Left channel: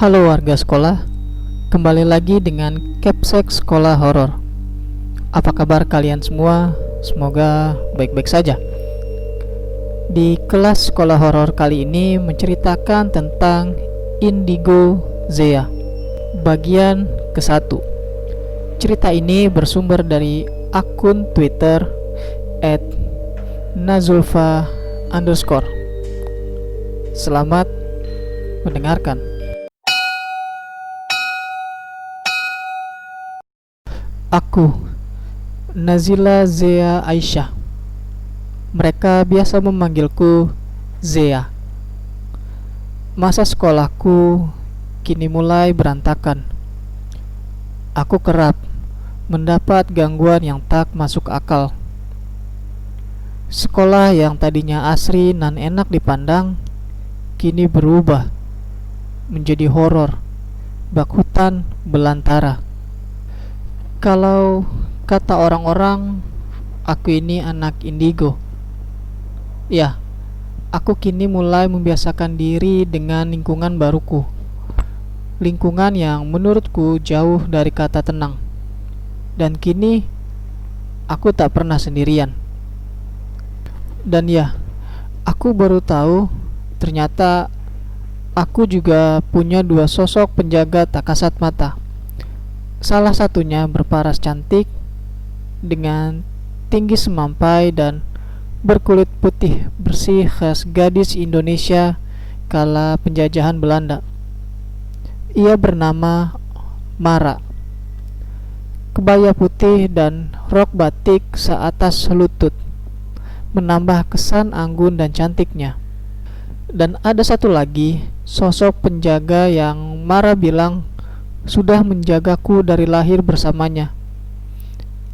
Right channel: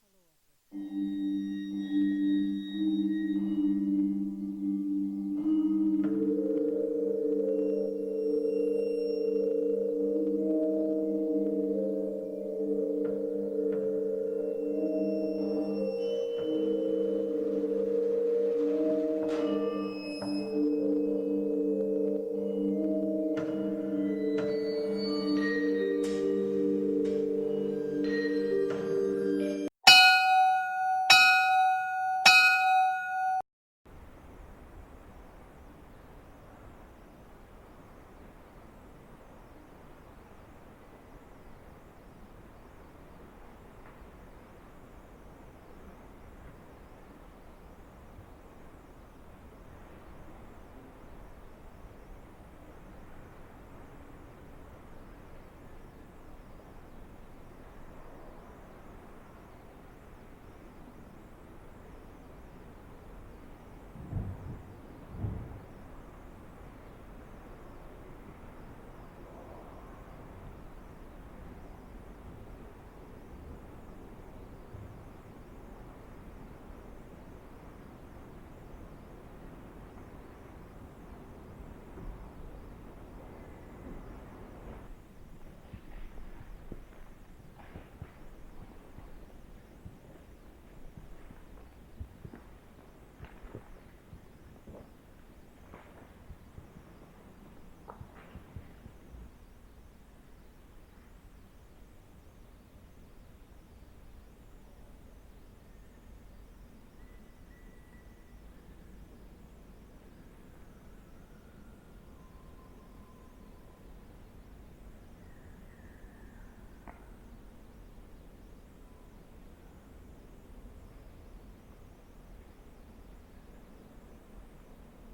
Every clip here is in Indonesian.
Halo warga sekolah, kembali lagi dengan Capsek Sekolah Horor. Apa kabar kalian semua? Semoga baik-baik saja. Di kelas sekolah horor kali ini menceritakan tentang Indigo Zea, bagian ke-1. Cerita ini bersumber dari akun Twitter @nazulfa_. Selamat mendengarkan. Aku, Nazila Zea Aisyah. Mereka biasa memanggilku Zea. Masa sekolahku kini mulai berantakan. Aku kerap mendapat gangguan yang tak masuk akal. Sekolah yang tadinya asri dan enak dipandang kini berubah menjadi horor, bak hutan belantara. Kalau kata orang-orang, aku ini anak indigo. Ya, aku kini mulai membiasakan diri dengan lingkungan baruku. Lingkungan yang menurutku jauh dari kata tenang. Dan kini, aku tak pernah sendirian. Dan ya, aku baru tahu ternyata aku juga punya dua sosok penjaga tak kasat mata. Salah satunya berparas cantik dengan tinggi semampai dan berkulit putih bersih khas gadis Indonesia kala penjajahan Belanda. Ia bernama Mara. Kebaya putih dan rok batik seatas lutut menambah kesan anggun dan cantiknya. Dan ada satu lagi sosok penjaga yang Mara bilang sudah menjagaku dari lahir bersamanya.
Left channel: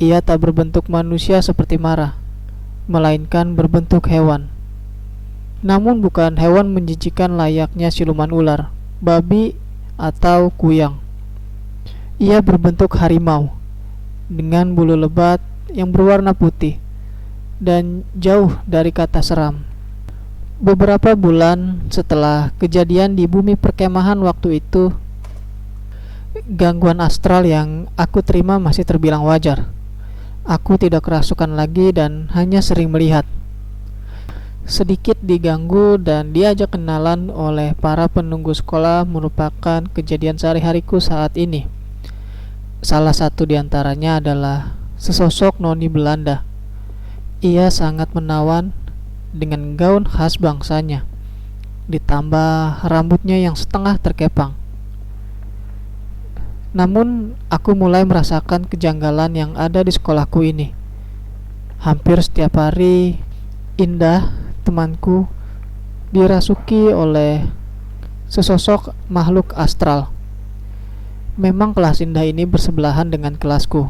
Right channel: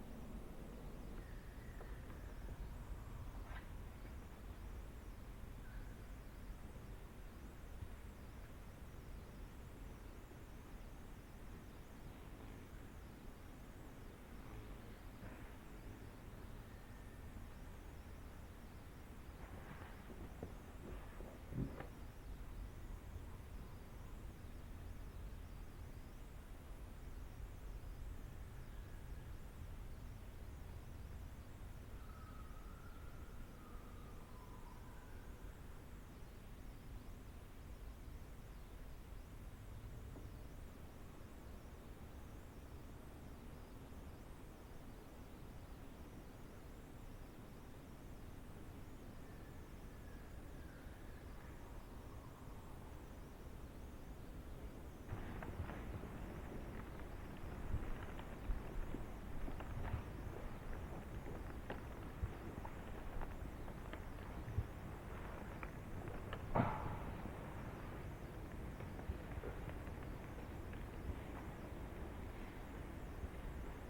Ia tak berbentuk manusia seperti Mara, melainkan berbentuk hewan. Namun bukan hewan menjijikan layaknya siluman ular, babi, atau kuyang. Ia berbentuk harimau, dengan bulu lebat yang berwarna putih, dan jauh dari kata seram. Beberapa bulan setelah kejadian di bumi perkemahan waktu itu, gangguan astral yang aku terima masih terbilang wajar. Aku tidak kerasukan lagi dan hanya sering melihat. Sedikit diganggu dan diajak kenalan oleh para penunggu sekolah merupakan kejadian sehari-hariku saat ini. Salah satu diantaranya adalah sesosok noni Belanda. Ia sangat menawan dengan gaun khas bangsanya, ditambah rambutnya yang setengah terkepang. Namun, aku mulai merasakan kejanggalan yang ada di sekolahku ini. Hampir setiap hari, Indah, temanku, dirasuki oleh sesosok makhluk astral. Memang kelas Indah ini bersebelahan dengan kelasku.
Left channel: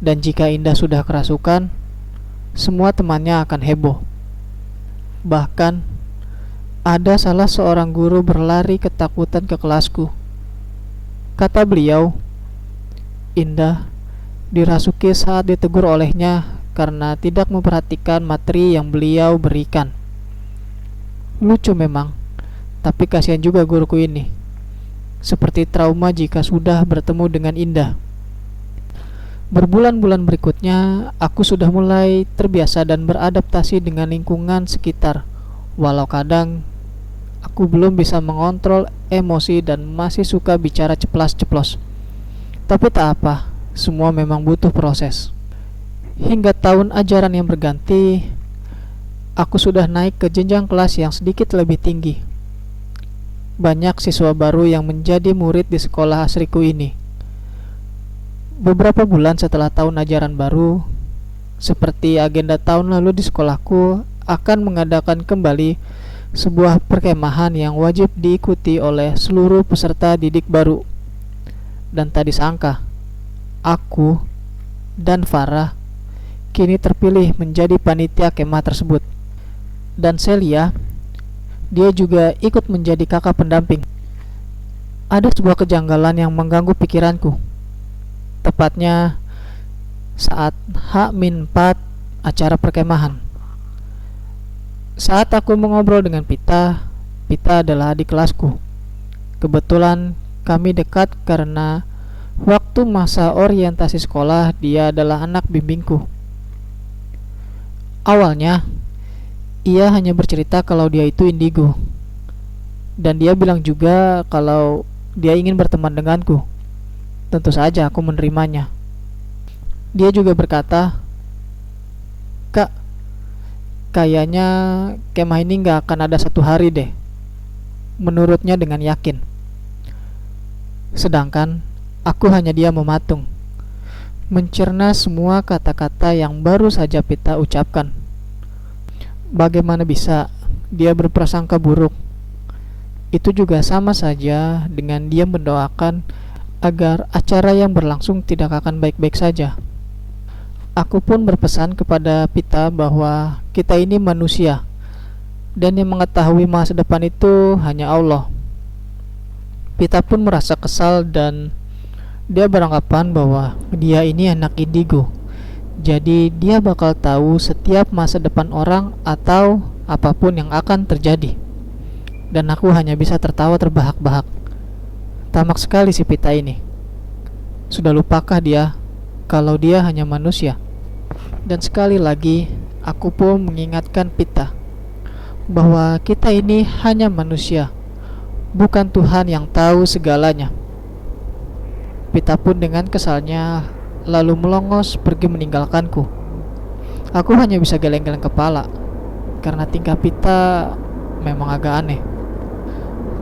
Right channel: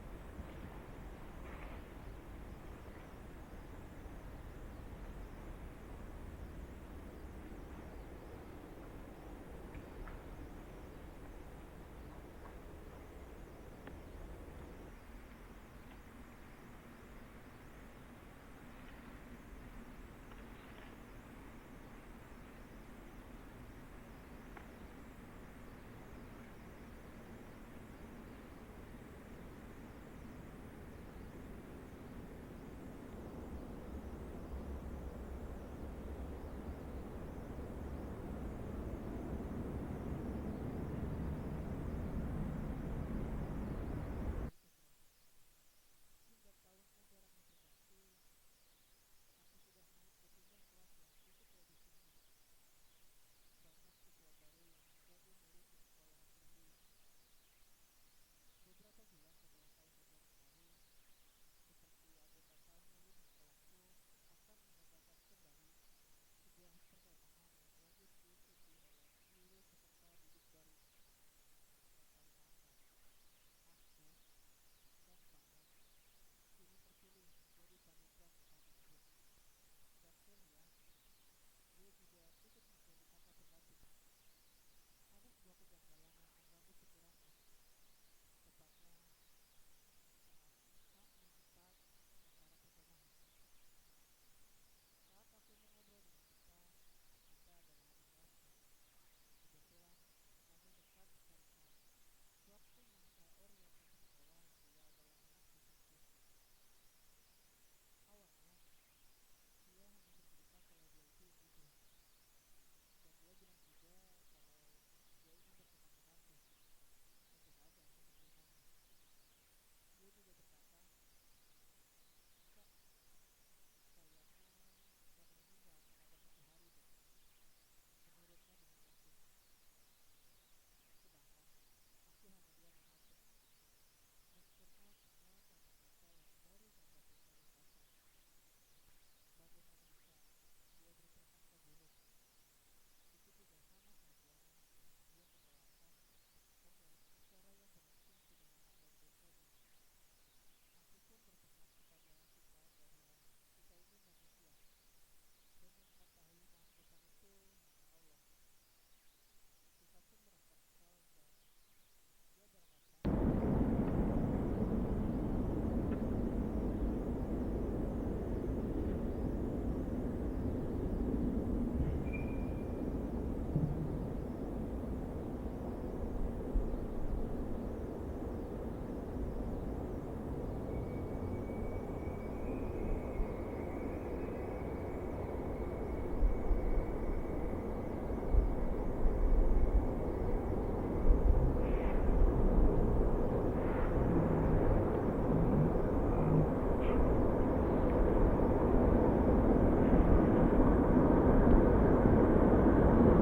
Dan jika Indah sudah kerasukan, semua temannya akan heboh. Bahkan, ada salah seorang guru berlari ketakutan ke kelasku. Kata beliau, Indah dirasuki saat ditegur olehnya karena tidak memperhatikan materi yang beliau berikan. Lucu memang, tapi kasihan juga guruku ini. Seperti trauma jika sudah bertemu dengan Indah. Berbulan-bulan berikutnya, aku sudah mulai terbiasa dan beradaptasi dengan lingkungan sekitar. Walau kadang aku belum bisa mengontrol emosi dan masih suka bicara ceplas-ceplos. Tapi tak apa, semua memang butuh proses. Hingga tahun ajaran yang berganti, aku sudah naik ke jenjang kelas yang sedikit lebih tinggi. Banyak siswa baru yang menjadi murid di sekolah asriku ini. Beberapa bulan setelah tahun ajaran baru, seperti agenda tahun lalu di sekolahku akan mengadakan kembali sebuah perkemahan yang wajib diikuti oleh seluruh peserta didik baru. Dan tak disangka, aku dan Farah kini terpilih menjadi panitia kemah tersebut. Dan Celia, dia juga ikut menjadi kakak pendamping. Ada sebuah kejanggalan yang mengganggu pikiranku. Tepatnya saat H-4 acara perkemahan. Saat aku mengobrol dengan Pita adalah adik kelasku. Kebetulan kami dekat karena waktu masa orientasi sekolah dia adalah anak bimbingku. Awalnya, ia hanya bercerita kalau dia itu indigo, dan dia bilang juga kalau dia ingin berteman denganku. Tentu saja aku menerimanya. Dia juga berkata, "Kak, kayaknya kemah ini gak akan ada satu hari deh," menurutnya dengan yakin. Sedangkan aku hanya diam mematung, mencerna semua kata-kata yang baru saja Pita ucapkan. Bagaimana bisa dia berprasangka buruk? Itu juga sama saja dengan dia mendoakan agar acara yang berlangsung tidak akan baik-baik saja. Aku pun berpesan kepada Pita bahwa kita ini manusia, dan yang mengetahui masa depan itu hanya Allah. Pita pun merasa kesal dan dia beranggapan bahwa dia ini anak indigo. Jadi dia bakal tahu setiap masa depan orang atau apapun yang akan terjadi. Dan aku hanya bisa tertawa terbahak-bahak. Tamak sekali si Pita ini. Sudah lupakah dia kalau dia hanya manusia? Dan sekali lagi aku pun mengingatkan Pita bahwa kita ini hanya manusia, bukan Tuhan yang tahu segalanya. Pita pun dengan kesalnya lalu melongos pergi meninggalkanku. Aku hanya bisa geleng-geleng kepala karena tingkah Pita memang agak aneh.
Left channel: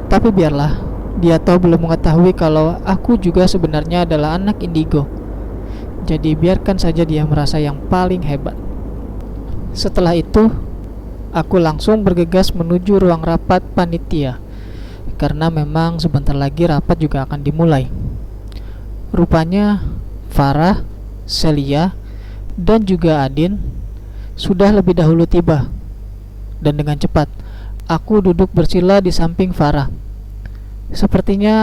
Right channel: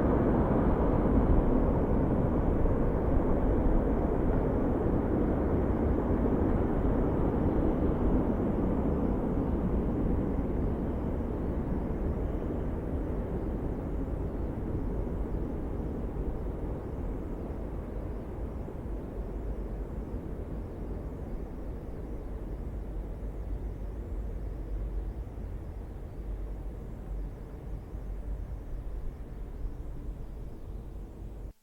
Tapi biarlah, dia tahu belum mengetahui kalau aku juga sebenarnya adalah anak indigo. Jadi biarkan saja dia merasa yang paling hebat. Setelah itu, aku langsung bergegas menuju ruang rapat panitia, karena memang sebentar lagi rapat juga akan dimulai. Rupanya Farah, Celia, dan juga Adin sudah lebih dahulu tiba. Dan dengan cepat, aku duduk bersila di samping Farah. Sepertinya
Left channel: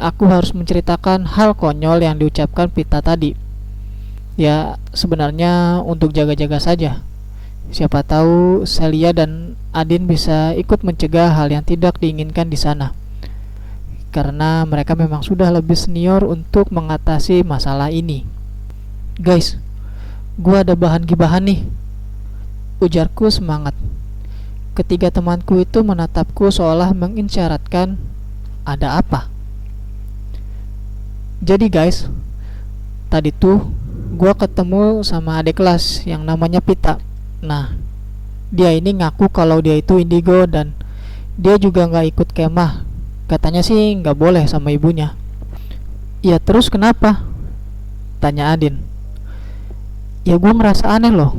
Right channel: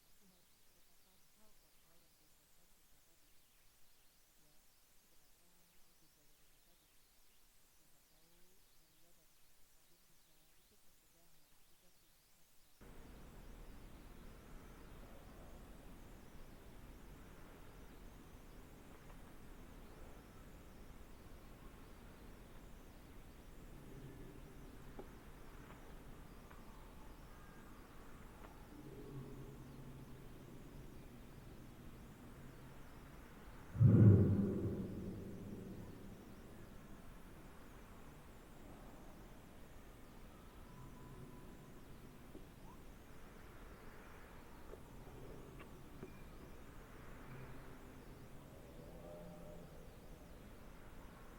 aku harus menceritakan hal konyol yang diucapkan Pita tadi. Ya, sebenarnya untuk jaga-jaga saja. Siapa tahu Celia dan Adin bisa ikut mencegah hal yang tidak diinginkan di sana. Karena mereka memang sudah lebih senior untuk mengatasi masalah ini. "Guys, gua ada bahan gibahan nih," ujarku semangat. Ketiga temanku itu menatapku seolah mengisyaratkan ada apa. Jadi guys, tadi tuh gua ketemu sama adik kelas yang namanya Pita. Nah, dia ini ngaku kalau dia itu indigo dan dia juga gak ikut kemah. Katanya sih gak boleh sama ibunya. "Ya terus kenapa?" tanya Adin. "Ya gue ngerasa aneh loh.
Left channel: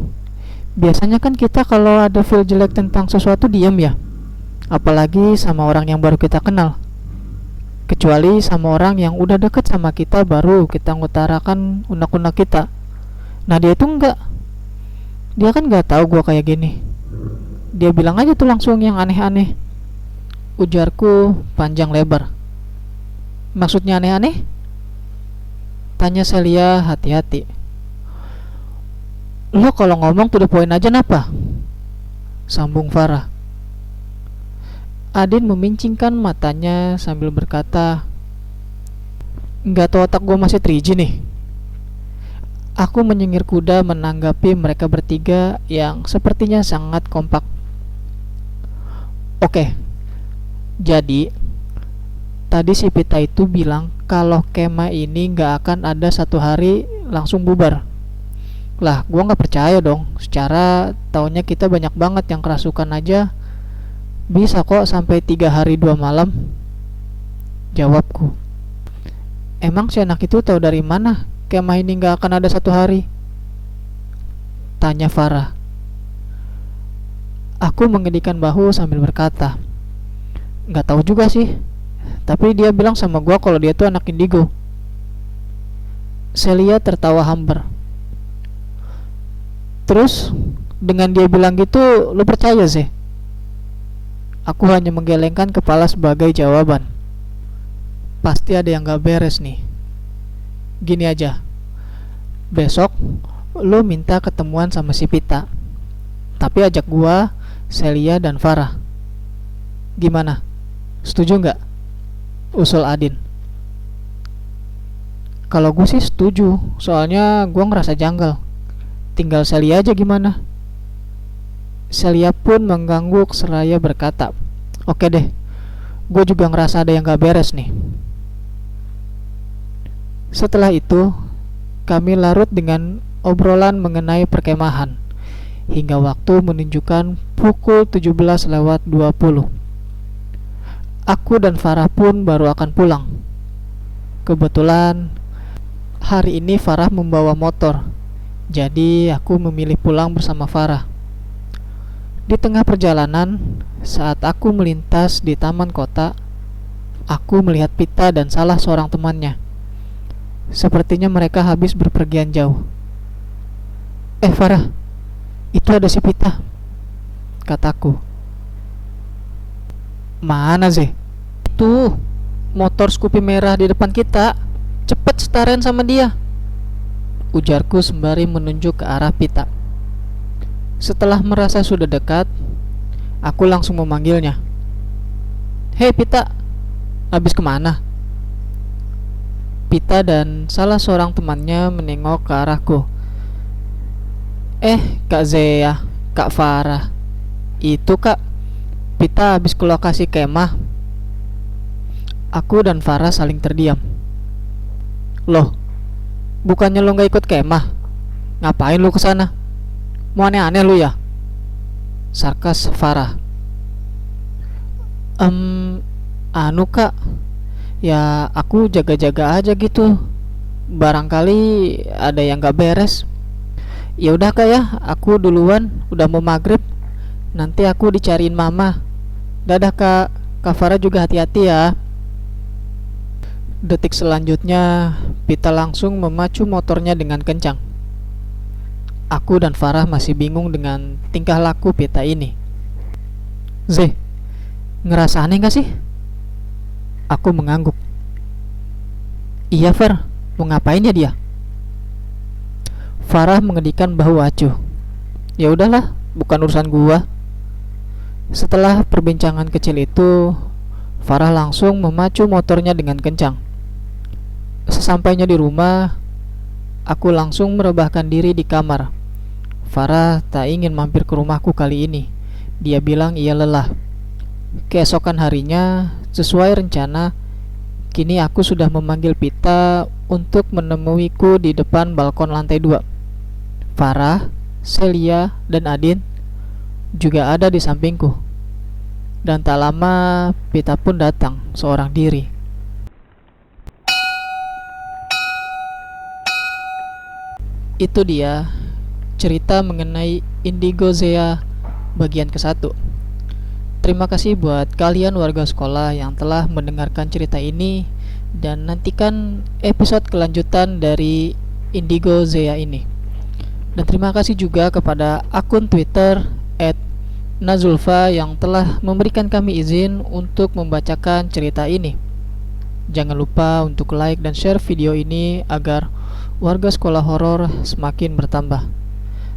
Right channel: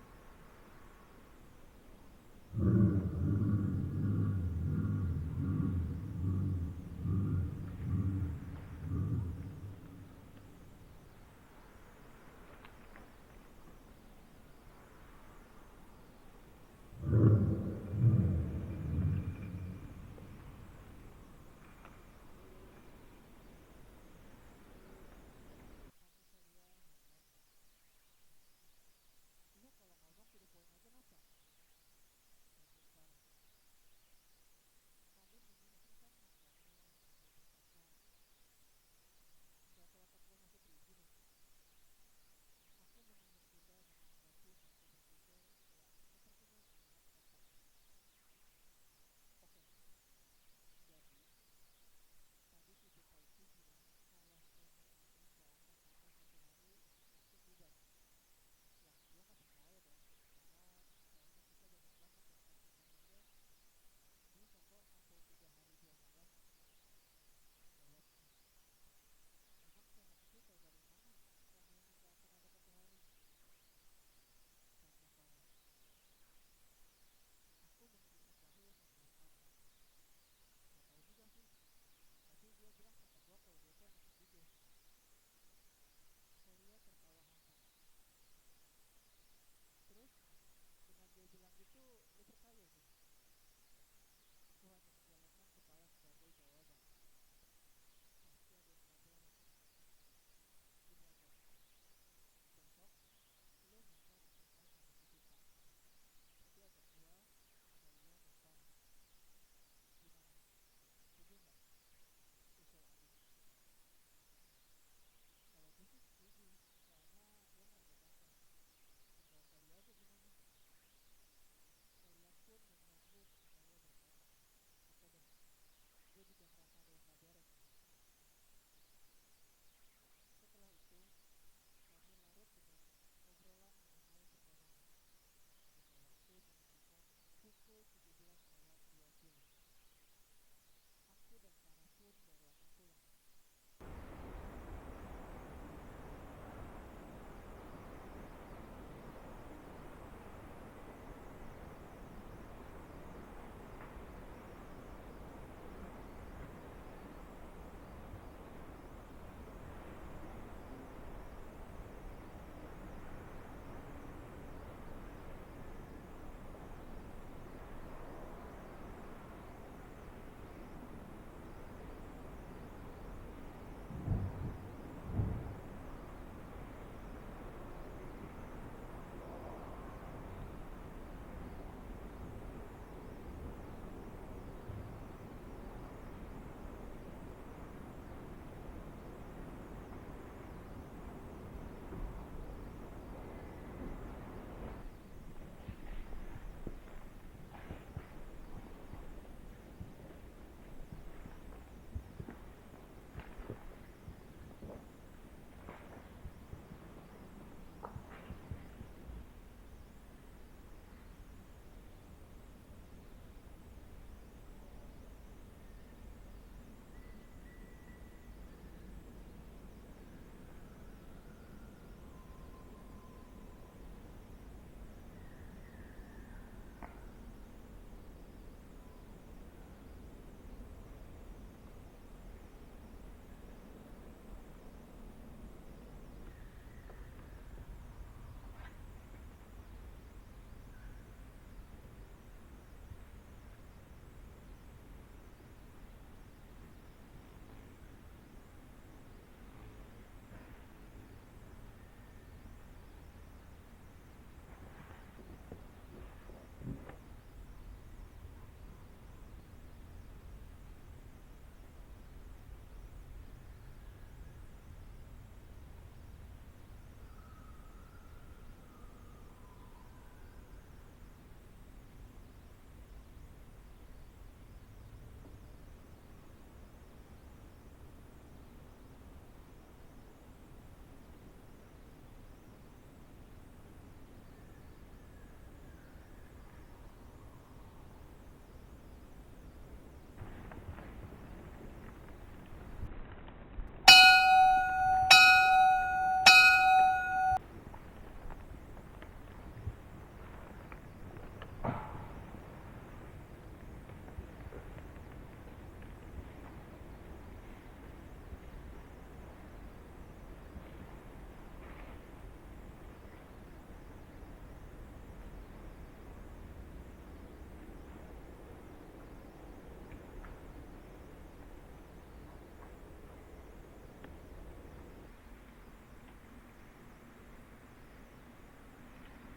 Biasanya kan kita kalau ada feel jelek tentang sesuatu diam ya. Apalagi sama orang yang baru kita kenal. Kecuali sama orang yang udah deket sama kita baru kita ngutarakan unek-unek kita. Nah dia itu enggak. Dia kan gak tahu gue kayak gini. Dia bilang aja tuh langsung yang aneh-aneh," ujarku panjang lebar. "Maksudnya aneh-aneh?" tanya Celia hati-hati. "Lo kalau ngomong to the point aja napa?" sambung Farah. Adin memincingkan matanya sambil berkata, "Nggak tahu otak gue masih 3G nih." Aku menyengir kuda menanggapi mereka bertiga yang sepertinya sangat kompak. "Oke, jadi tadi si Pita itu bilang kalau kemah ini nggak akan ada satu hari langsung bubar." Lah, gua nggak percaya dong. Secara tahunnya kita banyak banget yang kerasukan aja bisa kok sampai 3 hari 2 malam. Jawabku. "Emang si anak itu tahu dari mana kemah ini nggak akan ada satu hari?" tanya Farah. Aku mengedikan bahu sambil berkata, "Nggak tahu juga sih. Tapi dia bilang sama gua kalau dia tuh anak indigo." Celia tertawa hambar. "Terus dengan dia bilang gitu lu percaya sih?" Aku hanya menggelengkan kepala sebagai jawaban. Pasti ada yang gak beres nih. Gini aja, besok lu minta ketemuan sama si Pita, tapi ajak gua, Celia dan Farah. Gimana? Setuju gak? usul Adin. Kalau gue sih setuju, soalnya gue ngerasa janggal. Tinggal Celia aja gimana? Celia pun mengangguk seraya berkata, oke deh, gue juga ngerasa ada yang gak beres nih. Setelah itu, kami larut dengan obrolan mengenai perkemahan hingga waktu menunjukkan pukul 17:20. Aku dan Farah pun baru akan pulang. Kebetulan hari ini Farah membawa motor, jadi aku memilih pulang bersama Farah. Di tengah perjalanan, saat aku melintas di taman kota, aku melihat Pita dan salah seorang temannya. Sepertinya mereka habis berpergian jauh. Farah, itu ada si Pita, kataku. Mana sih? Tuh, motor Scoopy merah di depan kita. Cepet setaren sama dia, ujarku sembari menunjuk ke arah Pita. Setelah merasa sudah dekat, aku langsung memanggilnya. Hei Pita, habis kemana? Pita dan salah seorang temannya menengok ke arahku. Kak Zea, Kak Farah. Itu kak, Pita habis ke lokasi kemah. Aku dan Farah saling terdiam. Loh, bukannya lo gak ikut kemah? Ngapain lo kesana? Mau aneh-aneh lu ya? Sarkas Farah. Anu kak, ya aku jaga-jaga aja gitu. Barangkali ada yang gak beres. Ya udah kak ya, aku duluan, udah mau maghrib. Nanti aku dicariin mama. Dadah kak, Kak Farah juga hati-hati ya. Detik selanjutnya, Pita langsung memacu motornya dengan kencang. Aku dan Farah masih bingung dengan tingkah laku Pita ini. Zeh, ngerasa aneh gak sih? Aku mengangguk. Iya Far, mau ngapain ya dia? Farah mengedikan bahu acuh. Ya udahlah, bukan urusan gua. Setelah perbincangan kecil itu, Farah langsung memacu motornya dengan kencang. Sesampainya di rumah, aku langsung merebahkan diri di kamar. Farah tak ingin mampir ke rumahku kali ini. Dia bilang ia lelah. Keesokan harinya, sesuai rencana, kini aku sudah memanggil Pita untuk menemuiku di depan balkon lantai 2. Farah, Celia, dan Adin juga ada di sampingku. Dan tak lama Pita pun datang seorang diri. Itu dia cerita mengenai Indigo Zea bagian ke-1. Terima kasih buat kalian warga sekolah yang telah mendengarkan cerita ini, dan nantikan episode kelanjutan dari Indigo Zea ini. Dan terima kasih juga kepada akun Twitter @nazulfa yang telah memberikan kami izin untuk membacakan cerita ini. Jangan lupa untuk like dan share video ini agar warga sekolah horor semakin bertambah.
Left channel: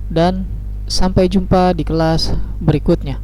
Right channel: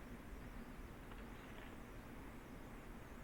Dan sampai jumpa di kelas berikutnya.